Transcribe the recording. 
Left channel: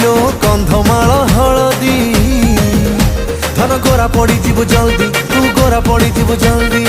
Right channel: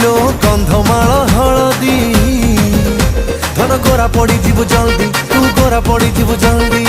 kilo কন্ধমাଳ হলদি ধন গোরা পড়ি ଯିବୁ জলদি তু গোরা পড়ি ଯିବୁ জলদি